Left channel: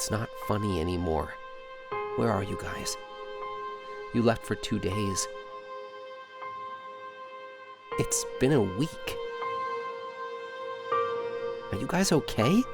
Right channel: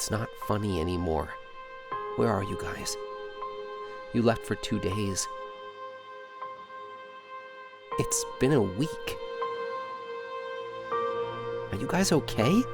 It's not funny anymore. Where are you guys? You left for 2 days. It's been a week. Are you guys okay?